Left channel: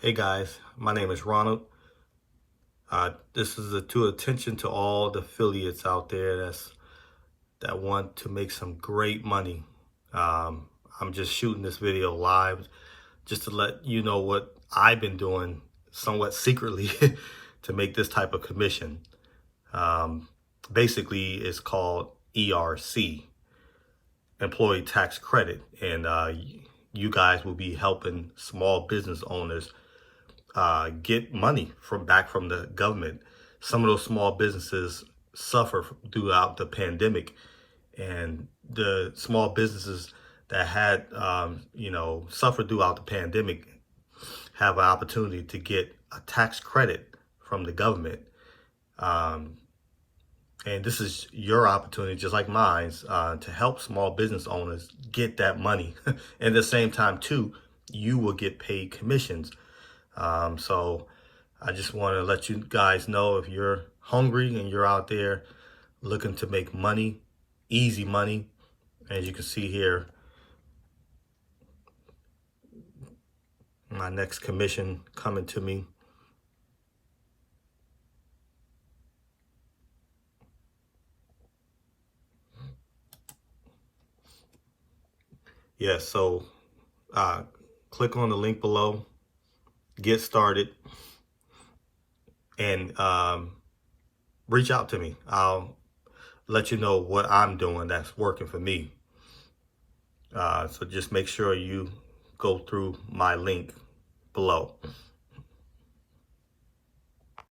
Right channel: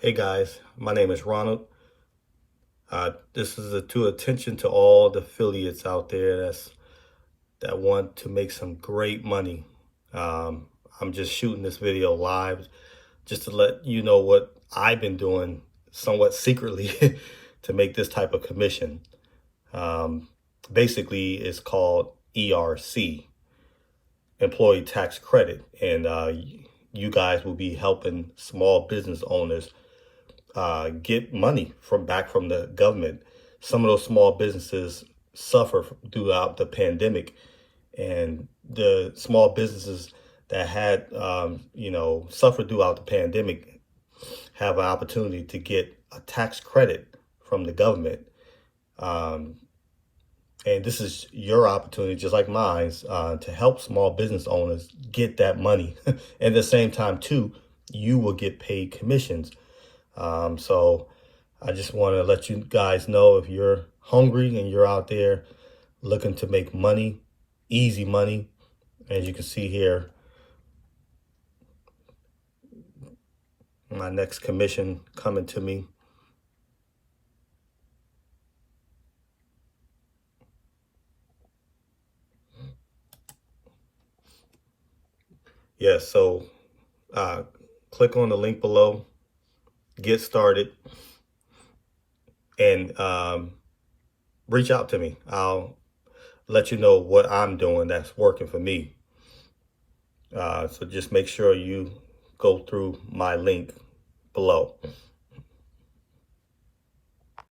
Hey guys, my name is Ronald. This is to attention to all the affiliates out there that want to make some great money. Um, I'm just shooting this video live just to let you know what I've been doing somewhat secretly to make this type of commission. Um, Basically, it's called ERC, Employee Tax Credit, and you guys will be helping small business owners get money from the government. Some of those small businesses suffer throughout the pandemic, and the small businesses that had suffered throughout the pandemic have an opportunity to get a tax credit from the government. Um, and this is your opportunity, just like mine, to help small business owners get that money. At the same time, too, you will get paid commissions. So I just want to let you guys know, if you're hungry and you're out there looking to make money, easy money, as you can see here, my next commission coming to me. Yeah, so click on the link below, get started, and reach out to me. I'll let you know what I'm doing that's working for me. So just make sure you go through my link below.